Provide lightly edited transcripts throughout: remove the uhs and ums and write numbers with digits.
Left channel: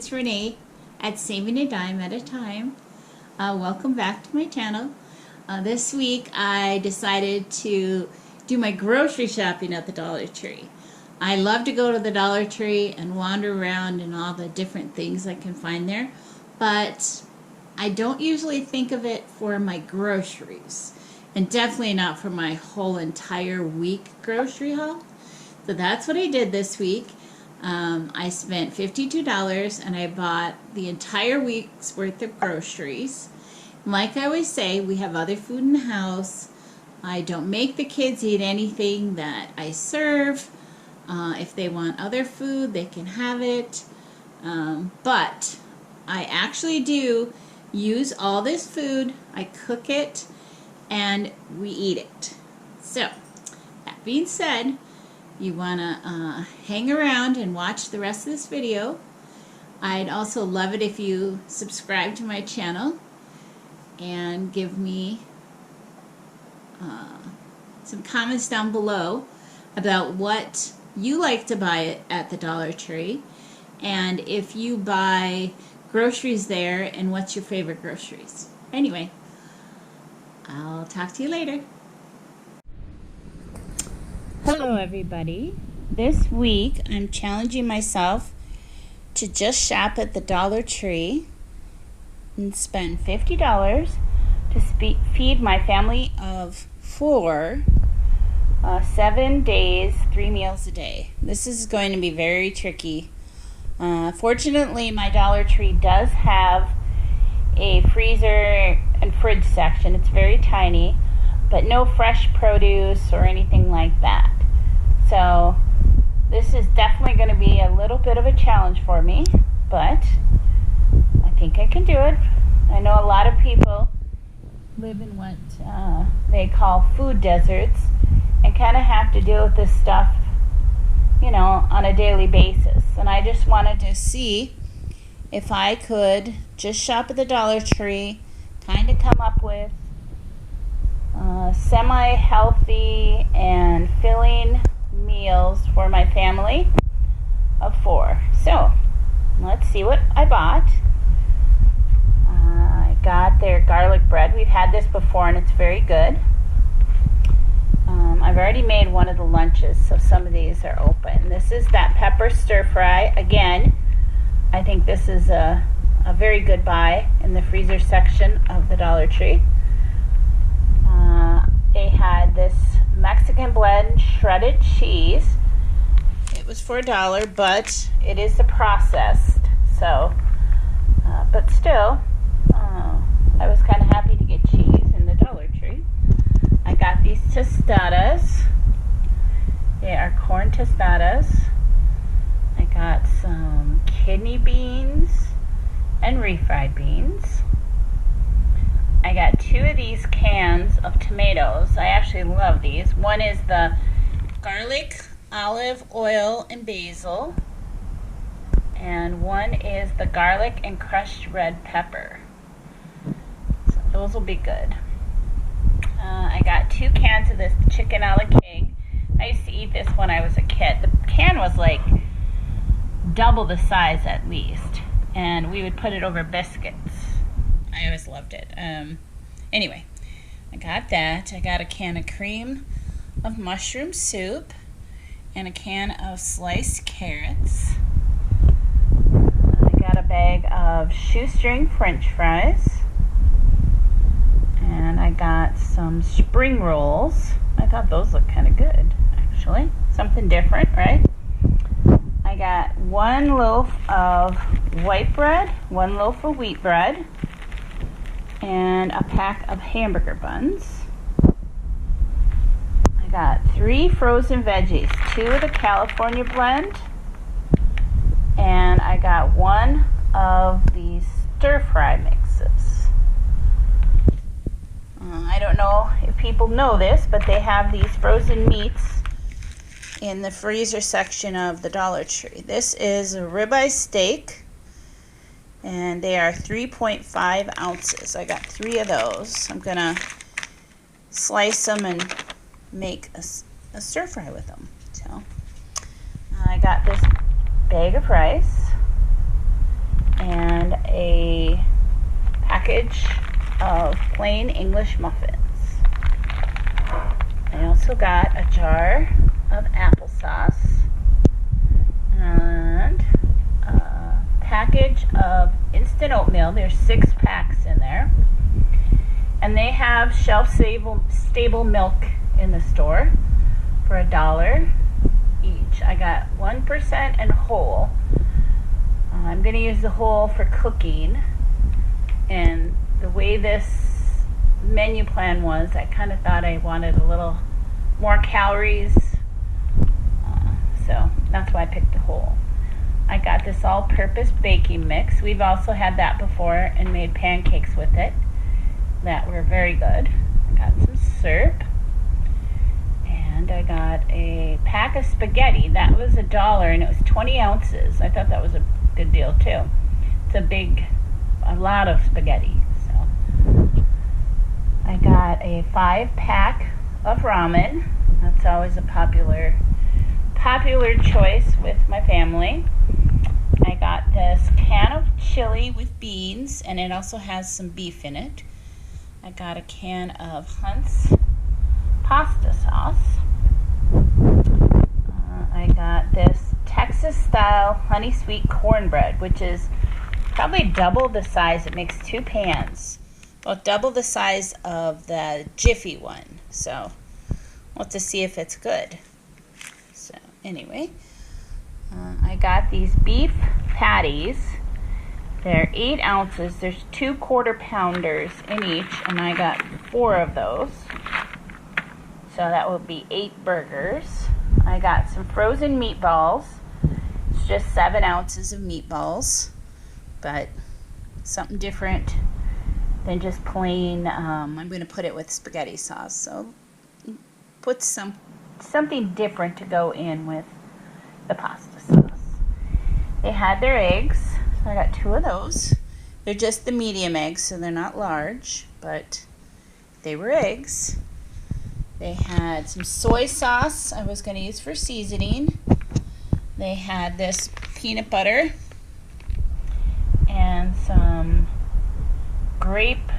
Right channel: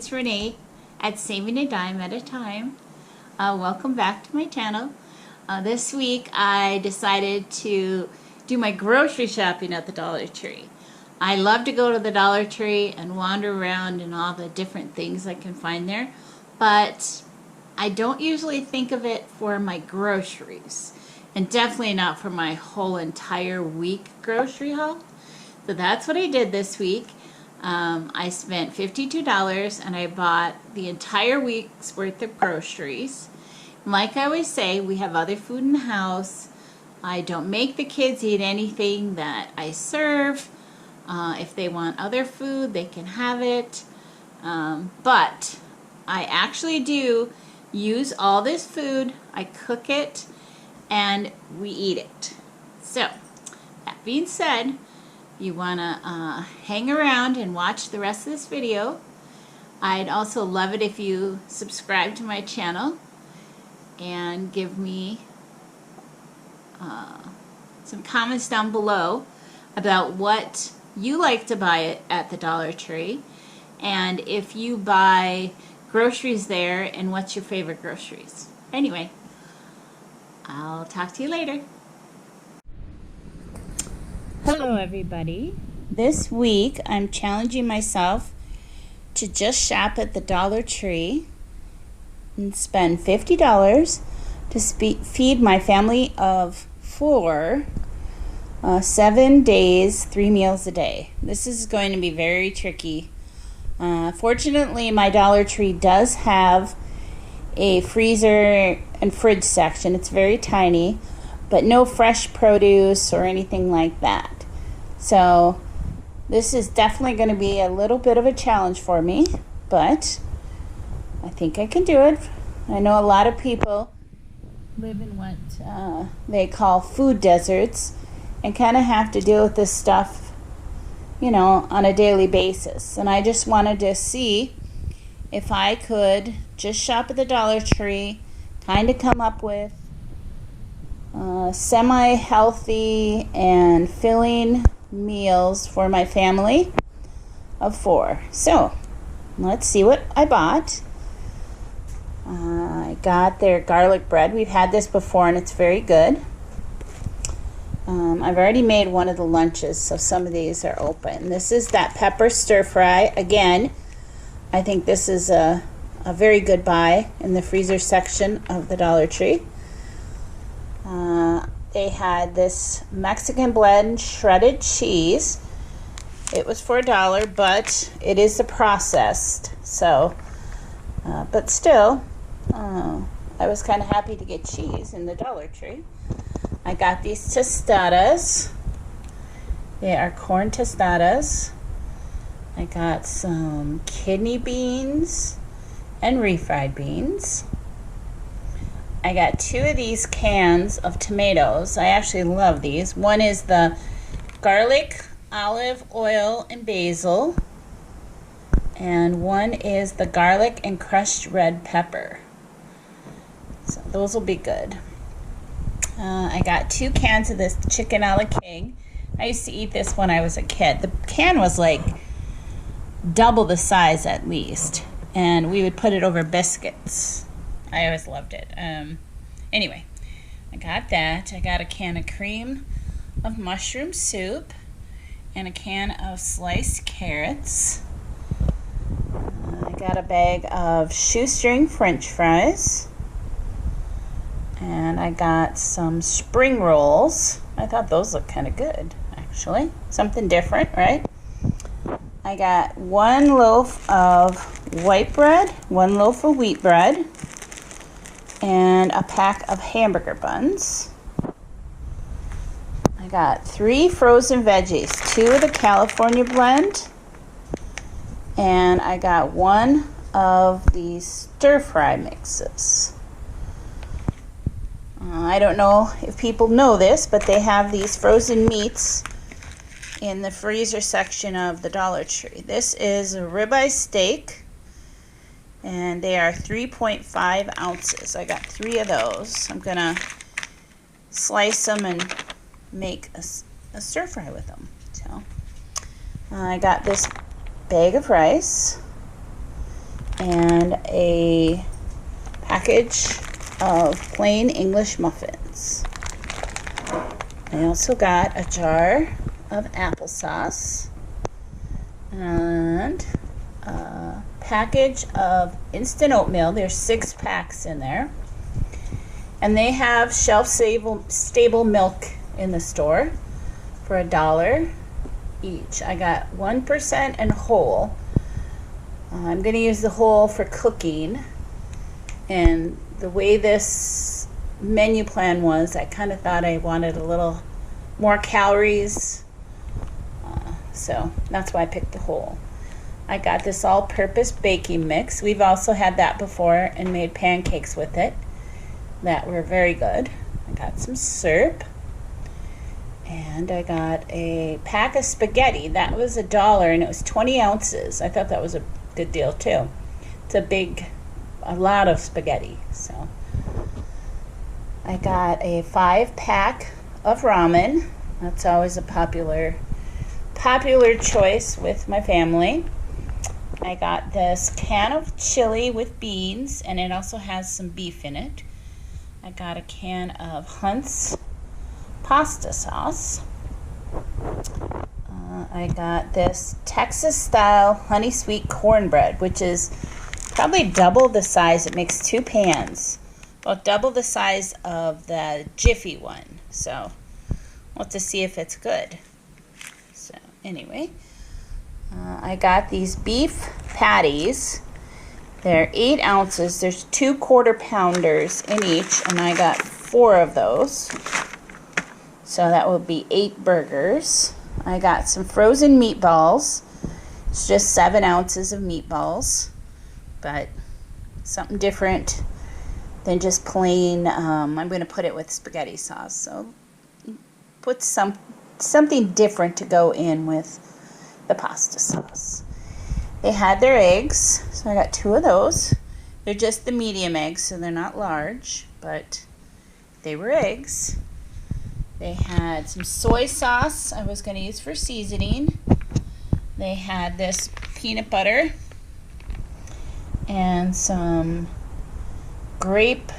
it's Renee at Saving a Dime at a Time. Welcome back to my channel. This week I decided to do my grocery shopping at the Dollar Tree. I love to go to the Dollar Tree and wander around and all the different things I can find there, but I don't usually think of it for my groceries, and definitely not for my whole entire week grocery haul. So that's what I did this week. I spent $52 and I bought the entire week's worth of groceries. And like I always say, we have other food in the house. I don't make the kids eat anything that I serve. If they want other food, they can have it. But I actually do use all this food. I cook it and we eat it. So, that being said, you want to hang around and watch the rest of this video. I'd also love it if you subscribe to my channel and give me some comments down below about what you like to buy at the Dollar Tree, and if you buy groceries there, and what's your favorite groceries. Anyway, I'll talk to you later. Hello everybody. This week I'm challenging myself to just shop at the Dollar Tree and spend $50 to feed my family of 4, 7 days, 3 meals a day. This is going to be very tricky. Fortunately, my Dollar Tree does have a freezer and fridge section. It's very tiny, but no fresh produce or anything like that. So this is definitely going to be a little bit of a challenge for me, but I think I can do it. I know a lot of people live in what they call food deserts and kind of have to deal with this stuff, you know, on a daily basis. And I just wanted to see if I could just shop at the Dollar Tree, kind of come up with semi-healthy and filling meals for my family of 4. So let's see what I bought. I got their garlic bread. We've had this before and it's very good. I've already made one of the lunches, so some of these are open. This is that pepper stir fry. Again, I think this is a very good buy in the freezer section of the Dollar Tree. They had this Mexican blend shredded cheese. It was for $1, but it is the processed. So, but still, I was kind of happy to get cheese in the Dollar Tree. I got these tostadas. They are corn tostadas. I got some kidney beans and refried beans. I got 2 of these cans of tomatoes. I actually love these. One is the garlic, olive oil, and basil. And one is the garlic and crushed red pepper. So those will be good. I got 2 cans of this chicken a la king. I used to eat this when I was a kid. The can was like double the size at least. And we would put it over biscuits. I always loved it. Anyway, I got that. I got a can of cream of mushroom soup and a can of sliced carrots. I got a bag of shoestring French fries. And I got some spring rolls. I thought those looked kind of good, actually. Something different, right? I got 1 loaf of white bread, 1 loaf of wheat bread, and a pack of hamburger buns. I got 3 frozen veggies, 2 of the California blend, and I got 1 of these stir-fry mixes. I don't know if people know this, but they have these frozen meats in the freezer section of the Dollar Tree. This is a ribeye steak, and they are 3.5 ounces. I got 3 of those. I'm gonna slice them and make a stir fry with them. So I got this bag of rice, and a package of plain English muffins. I also got a jar of applesauce and a package of instant oatmeal. There's 6 packs in there. And they have shelf-stable milk in the store for $1 each. I got 1% and whole. I'm going to use the whole for cooking. And the way this menu plan was, I kind of thought I wanted a little more calories. So that's why I picked the whole. I got this all-purpose baking mix. We've also had that before and made pancakes with it that were very good. I got some syrup. And I got a pack of spaghetti. That was $1 and it was 20 ounces. I thought that was a good deal too. It's a lot of spaghetti. So I got a 5-pack of ramen. That's always a popular choice with my family. I got this can of chili with beans, and it also has some beef in it. I got a can of Hunt's pasta sauce. I got this Texas-style honey sweet cornbread, which is probably double the size. It makes 2 pans, about double the size of the Jiffy one. So we'll have to see if it's good. So anyway, I got these beef patties. They're 8 ounces. There's 2 quarter-pounders in each, and I got 4 of those. So that will be 8 burgers. I got some frozen meatballs. It's just 7 ounces of meatballs, but something different than just plain. I'm going to put it with spaghetti sauce. So put something different to go in with the pasta sauce. They had their eggs, so I got 2 of those. They're just the medium eggs, so they're not large, but they were eggs. They had some soy sauce I was going to use for seasoning. They had this peanut butter and some grape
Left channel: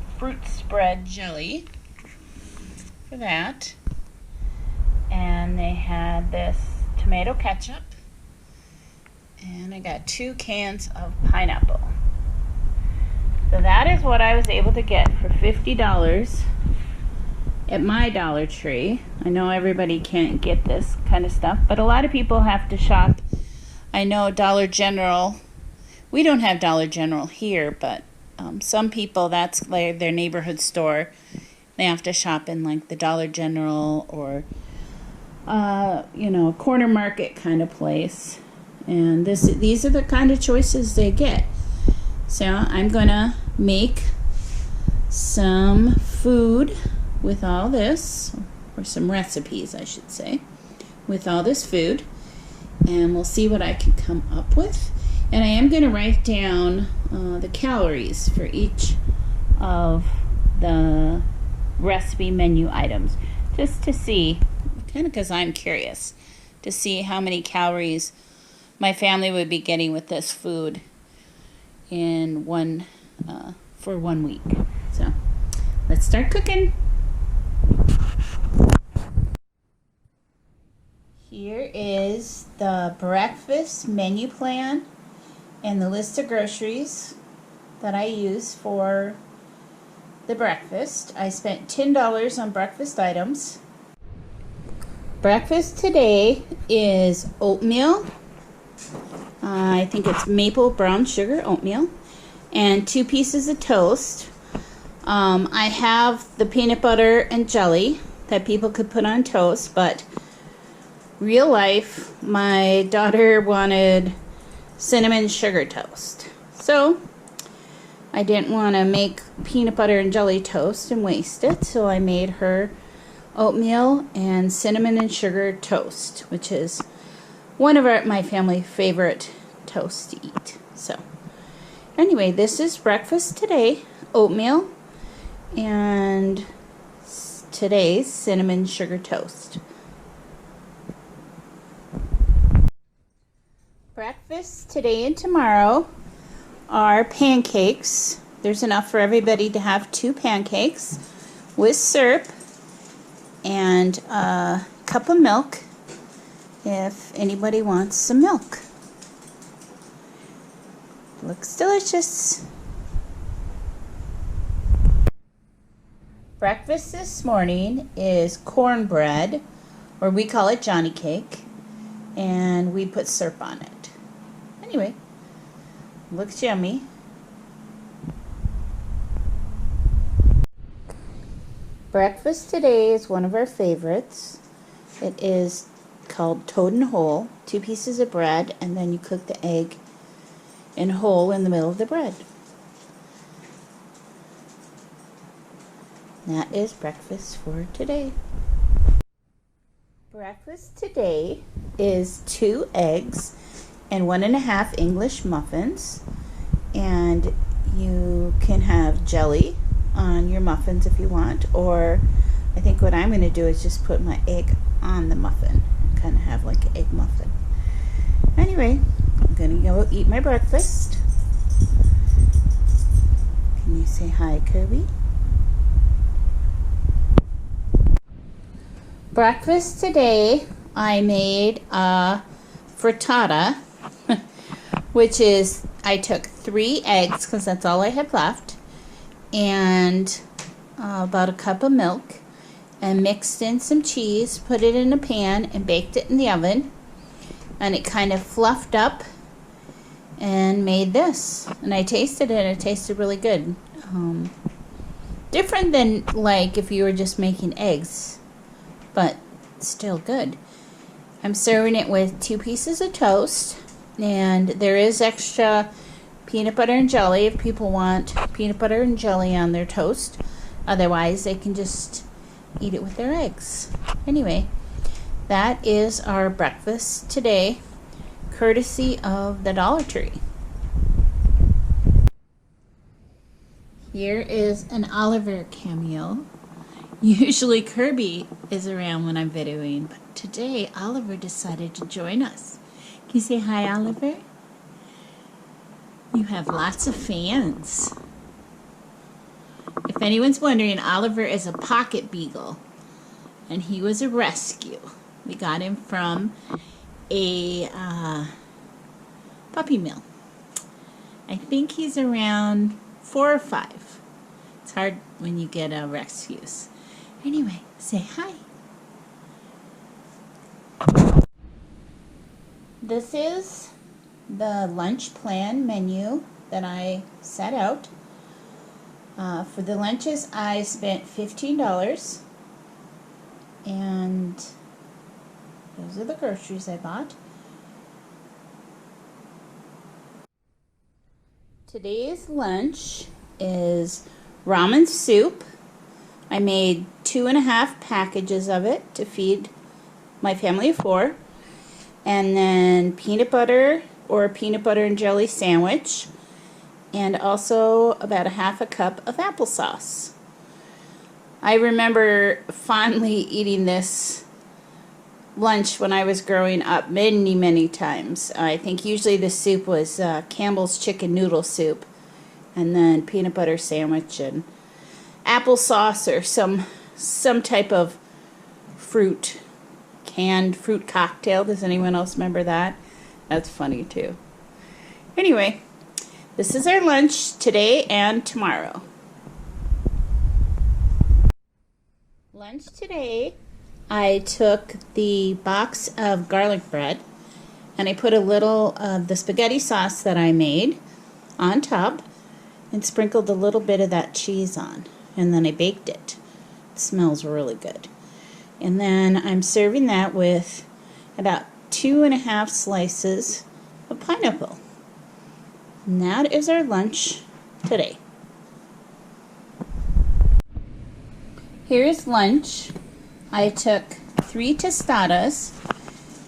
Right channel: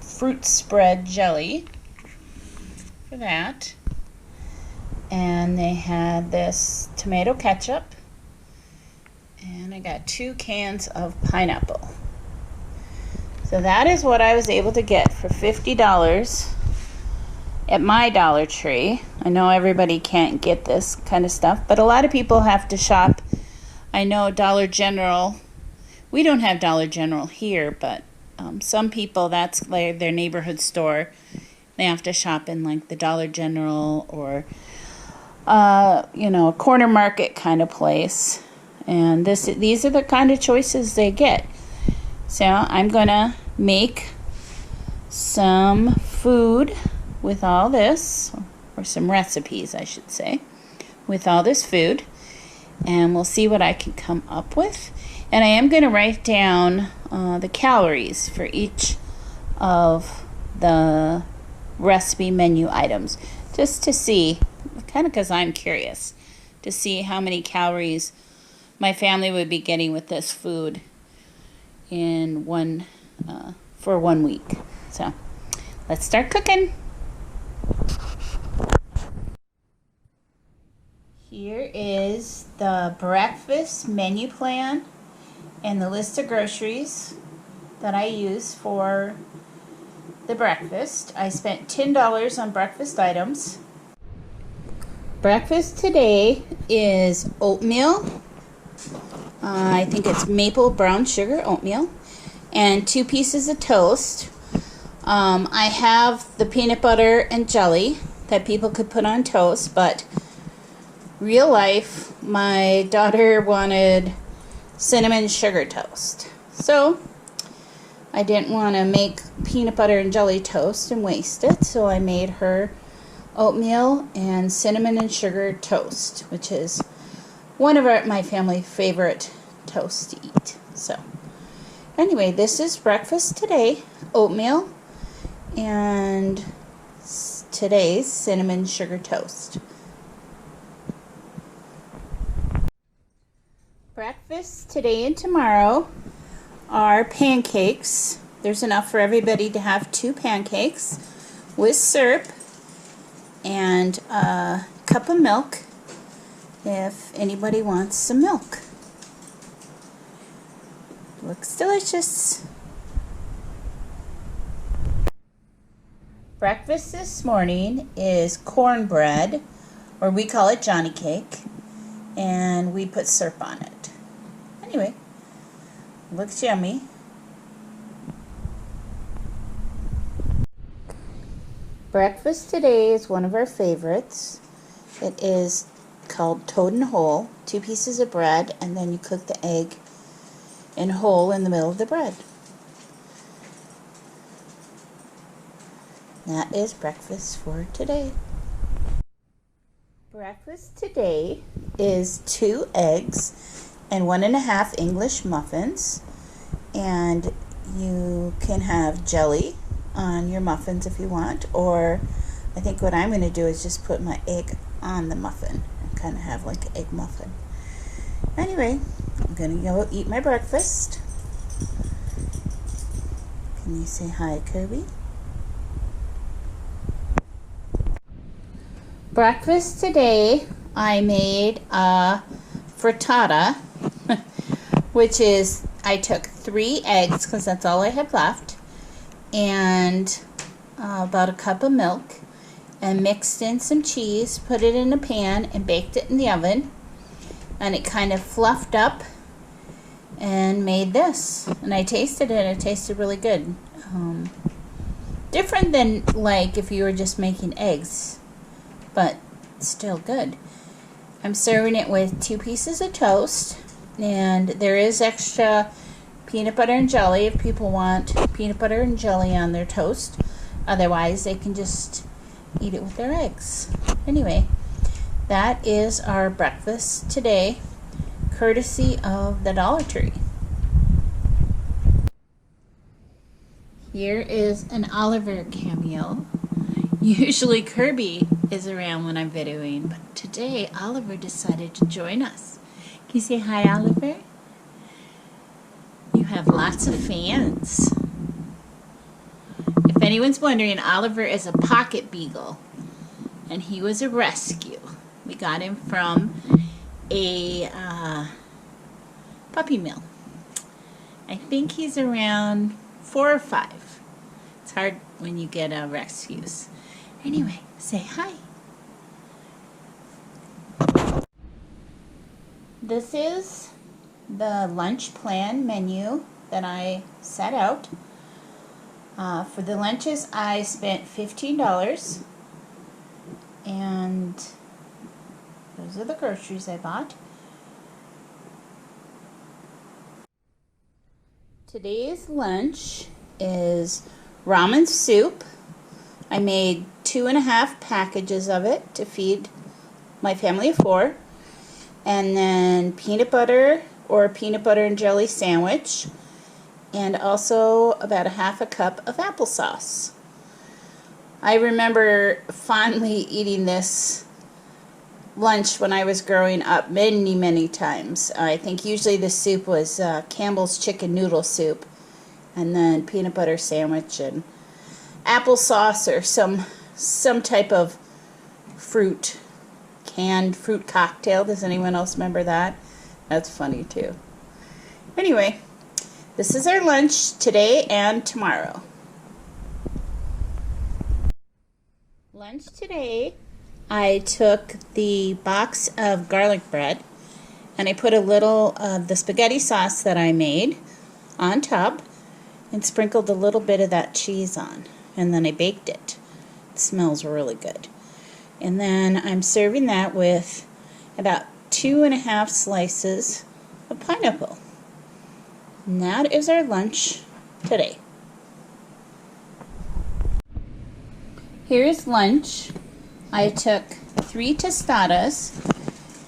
fruit spread jelly for that. And they had this tomato ketchup. And I got 2 cans of pineapple. So that is what I was able to get for $50 at my Dollar Tree. I know everybody can't get this kind of stuff, but a lot of people have to shop. I know Dollar General, we don't have Dollar General here, but some people, that's like their neighborhood store. They have to shop in like the Dollar General or a corner market kind of place. And these are the kind of choices they get. So I'm gonna make some food with all this, or some recipes I should say, with all this food, and we'll see what I can come up with. And I am gonna write down the calories for each of the recipe menu items, just to see, kind of because I'm curious, to see how many calories my family would be getting with this food in for 1 week. So let's start cooking. Here is the breakfast menu plan and the list of groceries that I use for the breakfast. I spent $10 on breakfast items. Breakfast today is oatmeal. I think it's maple brown sugar oatmeal, and 2 pieces of toast. I have the peanut butter and jelly that people could put on toast, but real life, my daughter wanted cinnamon sugar toast. So I didn't want to make peanut butter and jelly toast and waste it, so I made her oatmeal and cinnamon and sugar toast, which is one of my family favorite toasts to eat. So anyway, this is breakfast today, oatmeal and today's cinnamon sugar toast. Breakfast today and tomorrow are pancakes. There's enough for everybody to have 2 pancakes with syrup and a cup of milk if anybody wants some milk. Looks delicious. Breakfast this morning is cornbread, or we call it Johnny cake, and we put syrup on it. Anyway, looks yummy. Breakfast today is one of our favorites. It is called toad and whole, 2 pieces of bread, and then you cook the egg in whole in the middle of the bread. That is breakfast for today. Breakfast today is 2 eggs and 1.5 English muffins, and you can have jelly on your muffins if you want, or I think what I'm going to do is just put my egg on the muffin and kind of have like an egg muffin. Anyway, I'm going to go eat my breakfast. Can you say hi, Kirby? Breakfast today, I made a frittata, which is, I took 3 eggs because that's all I had left, and about a cup of milk, and mixed in some cheese, put it in a pan, and baked it in the oven, and it kind of fluffed up and made this. And I tasted it, it tasted really good. Different than like if you were just making eggs, but still good. I'm serving it with 2 pieces of toast, and there is extra peanut butter and jelly if people want peanut butter and jelly on their toast. Otherwise, they can just eat it with their eggs. Anyway, that is our breakfast today, courtesy of the Dollar Tree. Here is an Oliver cameo. Usually Kirby is around when I'm videoing, but today Oliver decided to join us. Can you say hi, Oliver? You have lots of fans. If anyone's wondering, Oliver is a pocket beagle, and he was a rescue. We got him from a puppy mill. I think he's around 4 or 5. It's hard when you get rescues. Anyway, say hi. This is the lunch plan menu that I set out. For the lunches, I spent $15, and those are the groceries I bought. Today's lunch is ramen soup. I made 2.5 packages of it to feed my family of 4. And then peanut butter or peanut butter and jelly sandwich. And also about 1/2 cup of applesauce. I remember fondly eating this lunch when I was growing up many times. I think usually the soup was Campbell's chicken noodle soup, and then peanut butter sandwich and applesauce or some type of canned fruit cocktail. Does anyone else remember that? That's funny too. Anyway, this is our lunch today and tomorrow. Lunch today, I took the box of garlic bread and I put a little of the spaghetti sauce that I made on top and sprinkled a little bit of that cheese on, and then I baked it. It smells really good. And then I'm serving that with about 2.5 slices of pineapple. And that is our lunch today. Here's lunch. I took 3 tostadas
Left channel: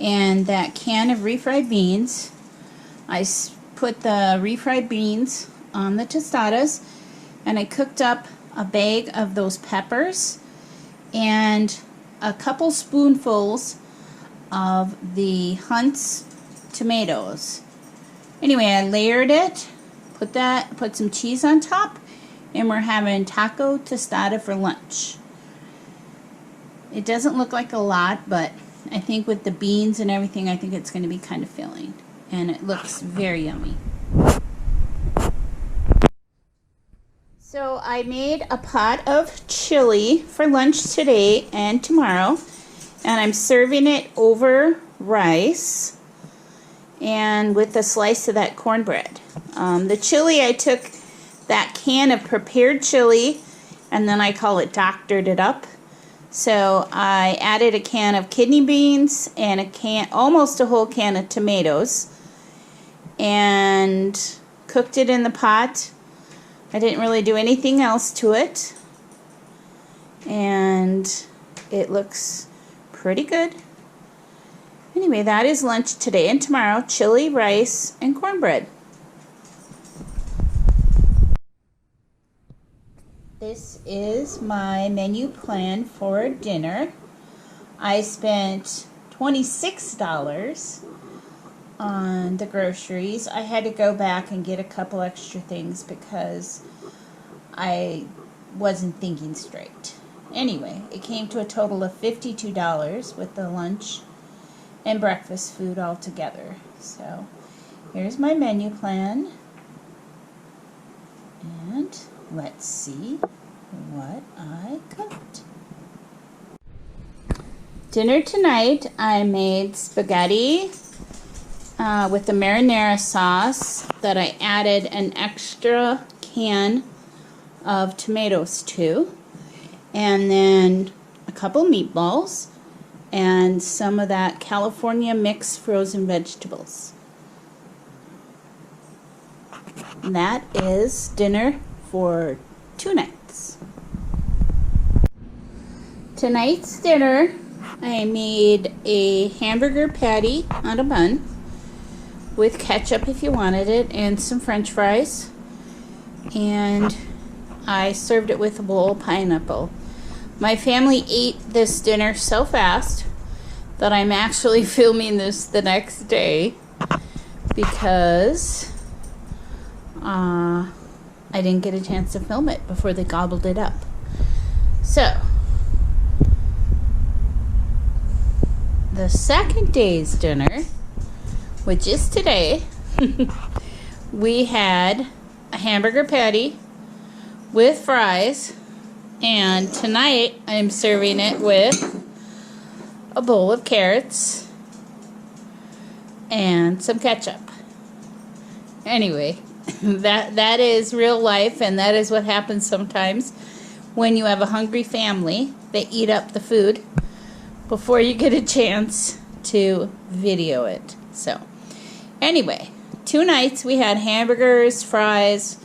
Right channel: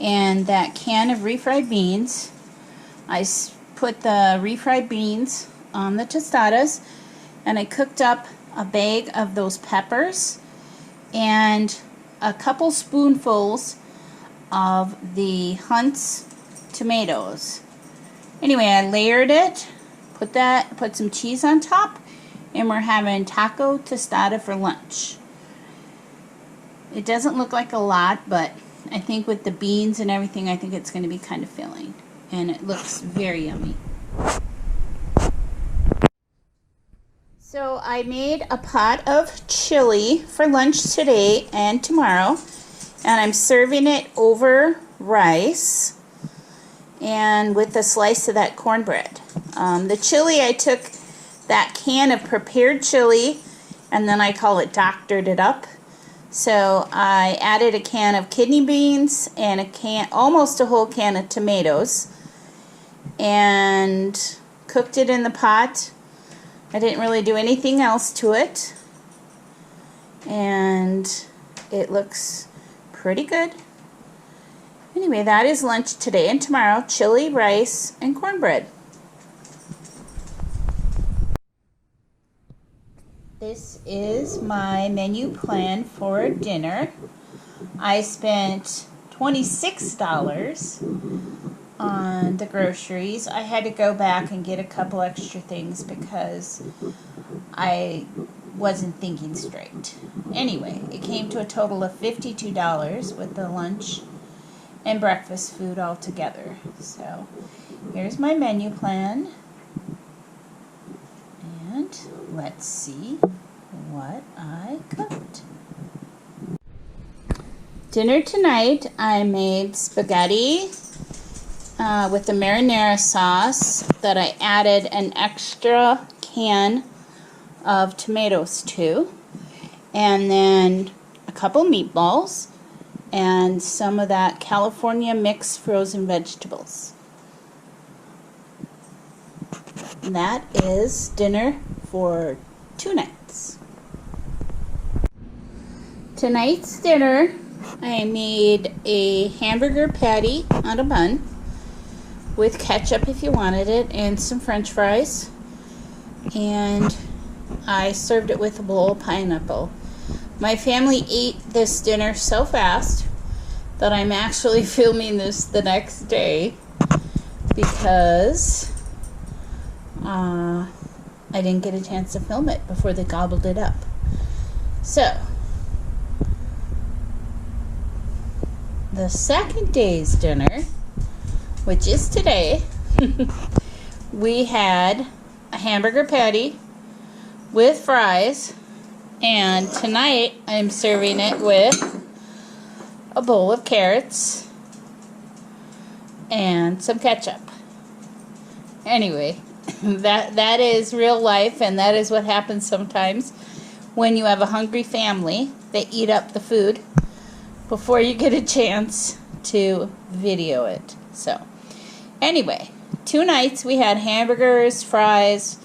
and that can of refried beans. I put the refried beans on the tostadas, and I cooked up a bag of those peppers and a couple spoonfuls of the Hunt's tomatoes. Anyway, I layered it, put some cheese on top, and we're having taco tostada for lunch. It doesn't look like a lot, but I think with the beans and everything, I think it's going to be kind of filling. And it looks very yummy. So I made a pot of chili for lunch today and tomorrow. And I'm serving it over rice and with a slice of that cornbread. The chili, I took that can of prepared chili and then I call it doctored it up. So I added a can of kidney beans and almost a whole can of tomatoes and cooked it in the pot. I didn't really do anything else to it. And it looks pretty good. Anyway, that is lunch today and tomorrow. Chili, rice, and cornbread. This is my menu plan for dinner. I spent $26 on the groceries. I had to go back and get a couple extra things because I wasn't thinking straight. Anyway, it came to a total of $52 with the lunch and breakfast food all together. So here's my menu plan. And let's see what I cooked. Dinner tonight, I made spaghetti with the marinara sauce that I added an extra can of tomatoes to, and then a couple meatballs and some of that California mixed frozen vegetables. And that is dinner for 2 nights. Tonight's dinner, I made a hamburger patty on a bun with ketchup if you wanted it and some french fries, and I served it with a bowl of pineapple. My family ate this dinner so fast that I'm actually filming this the next day because I didn't get a chance to film it before they gobbled it up. So, the second day's dinner, which is today, we had a hamburger patty with fries, and tonight I'm serving it with a bowl of carrots and some ketchup. Anyway, that is real life, and that is what happens sometimes when you have a hungry family. They eat up the food before you get a chance to video it. So anyway, 2 nights we had hamburgers, fries.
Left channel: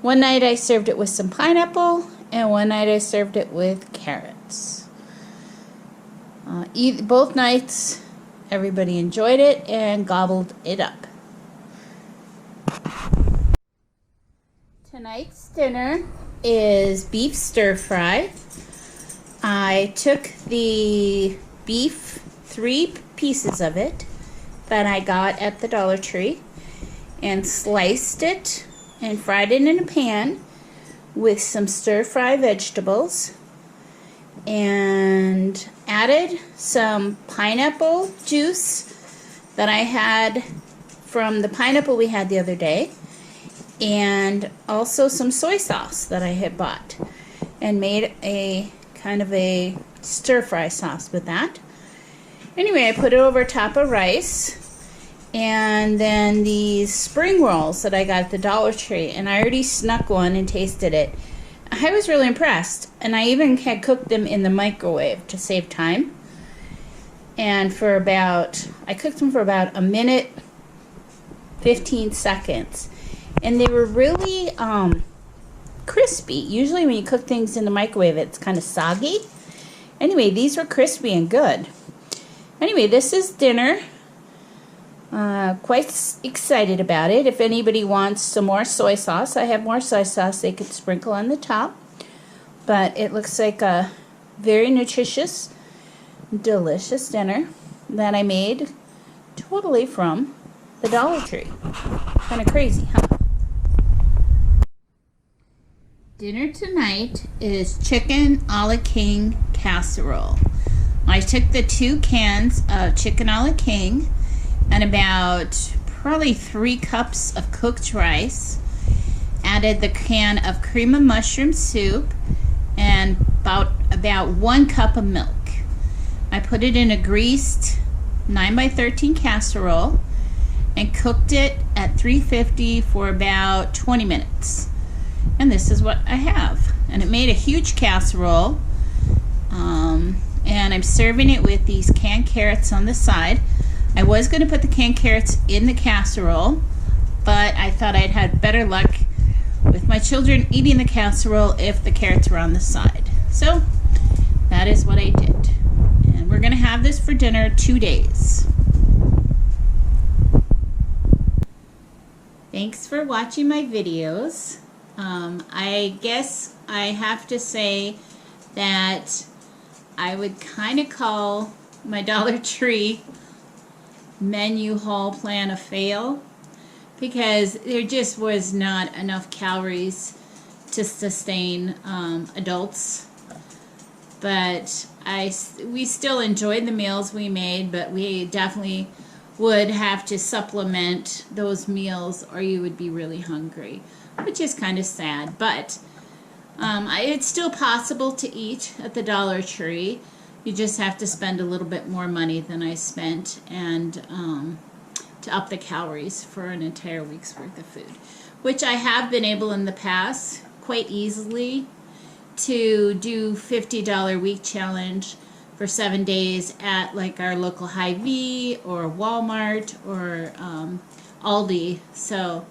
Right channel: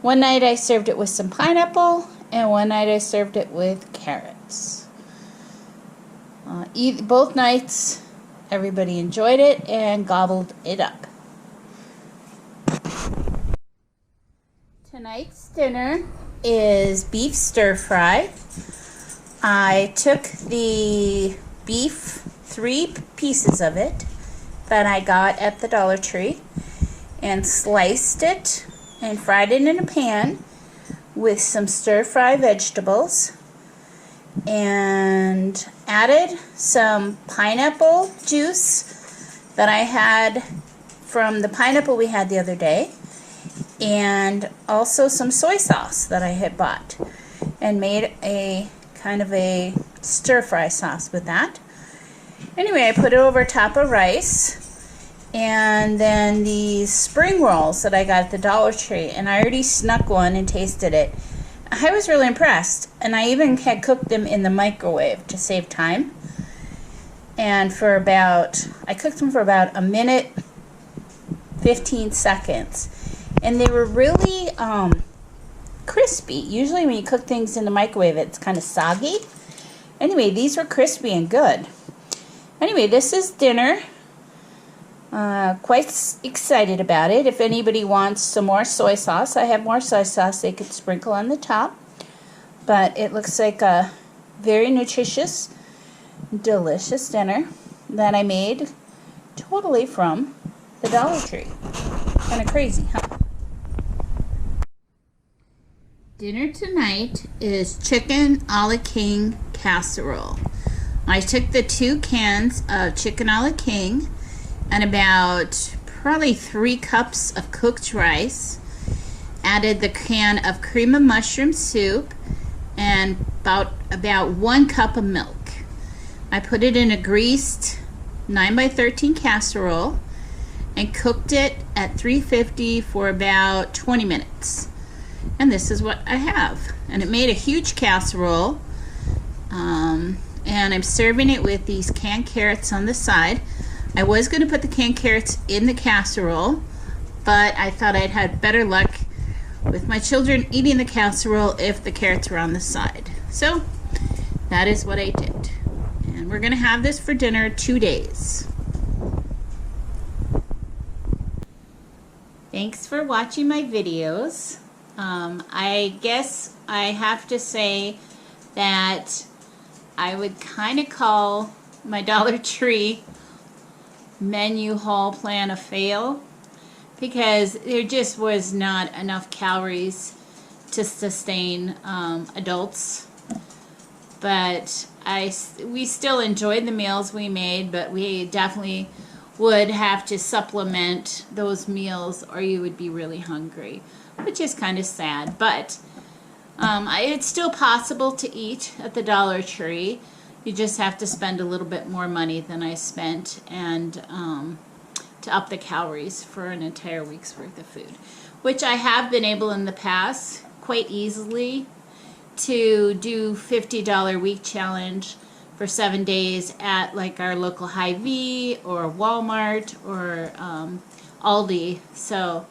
One night I served it with some pineapple, and one night I served it with carrots. Both nights everybody enjoyed it and gobbled it up. Tonight's dinner is beef stir fry. I took the beef, 3 pieces of it that I got at the Dollar Tree, and sliced it and fried it in a pan with some stir-fry vegetables, and added some pineapple juice that I had from the pineapple we had the other day, and also some soy sauce that I had bought, and made a kind of a stir-fry sauce with that. Anyway, I put it over top of rice, and then these spring rolls that I got at the Dollar Tree, and I already snuck one and tasted it. I was really impressed, and I even had cooked them in the microwave to save time. And I cooked them for about a minute, 15 seconds. And they were really crispy. Usually when you cook things in the microwave, it's kind of soggy. Anyway, these were crispy and good. Anyway, this is dinner. Quite excited about it. If anybody wants some more soy sauce, I have more soy sauce they could sprinkle on the top. But it looks like a very nutritious, delicious dinner that I made totally from the Dollar Tree. Kind of crazy, huh? Dinner tonight is chicken a la king casserole. I took the 2 cans of chicken a la king and about probably 3 cups of cooked rice, added the can of cream of mushroom soup, and about 1 cup of milk. I put it in a greased 9x13 casserole and cooked it at 350 for about 20 minutes. And this is what I have. And it made a huge casserole. And I'm serving it with these canned carrots on the side. I was going to put the canned carrots in the casserole, but I thought I'd had better luck with my children eating the casserole if the carrots were on the side. So that is what I did. And we're going to have this for dinner 2 days. Thanks for watching my videos. I guess I have to say that I would kind of call my Dollar Tree menu haul plan a fail, because there just was not enough calories to sustain adults. But we still enjoyed the meals we made, but we definitely would have to supplement those meals or you would be really hungry, which is kind of sad. But it's still possible to eat at the Dollar Tree. You just have to spend a little bit more money than I spent, and to up the calories for an entire week's worth of food, which I have been able in the past quite easily to do $50 week challenge for 7 days at like our local Hy-Vee or Walmart or Aldi. So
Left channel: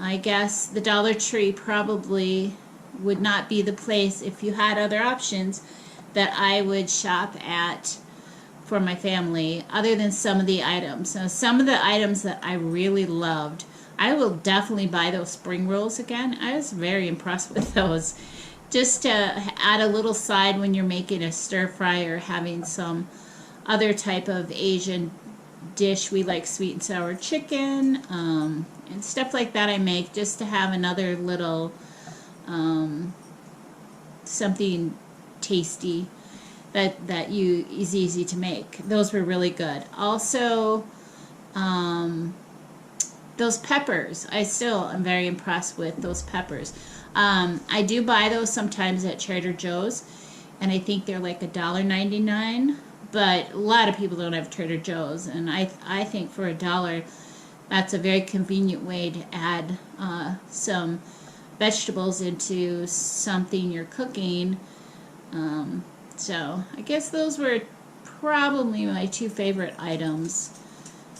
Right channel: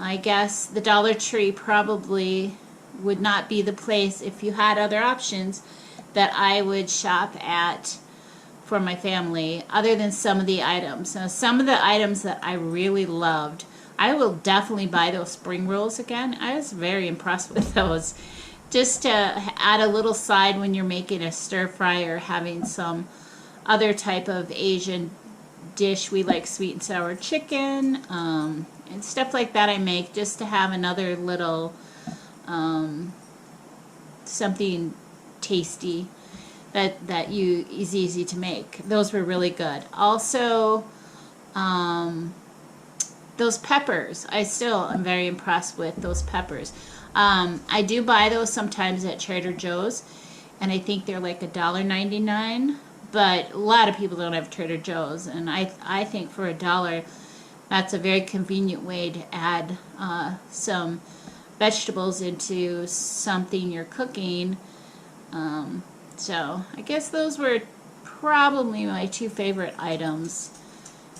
I guess the Dollar Tree probably would not be the place, if you had other options, that I would shop at for my family, other than some of the items. Now, some of the items that I really loved, I will definitely buy those spring rolls again. I was very impressed with those. Just to add a little side when you're making a stir fry or having some other type of Asian dish. We like sweet and sour chicken and stuff like that I make just to have another little something tasty that is easy to make. Those were really good. Also, those peppers, I still am very impressed with those peppers. I do buy those sometimes at Trader Joe's, and I think they're like $1.99, but a lot of people don't have Trader Joe's, and I think for $1, that's a very convenient way to add some vegetables into something you're cooking. So I guess those were probably my 2 favorite items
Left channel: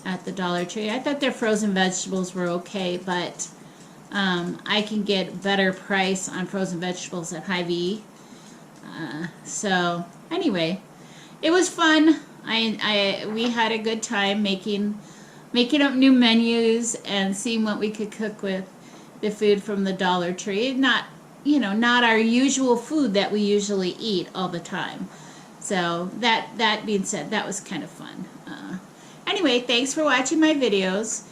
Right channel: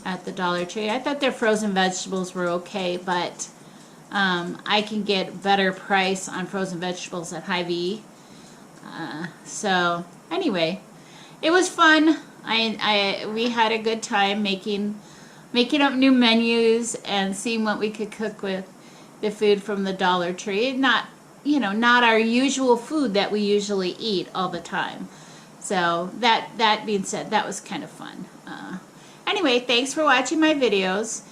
at the Dollar Tree. I thought their frozen vegetables were okay, but I can get better price on frozen vegetables at Hy-Vee. So anyway, it was fun. We had a good time making up new menus and seeing what we could cook with the food from the Dollar Tree. Not our usual food that we usually eat all the time. So that being said, that was kind of fun. Anyway, thanks for watching my videos.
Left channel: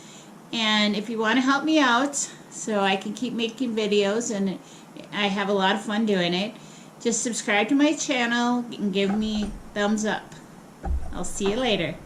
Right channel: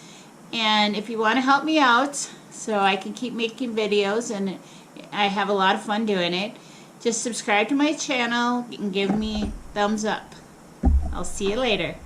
And if you want to help me out so I can keep making videos, and I have a lot of fun doing it, just subscribe to my channel and give me thumbs up. I'll see you later.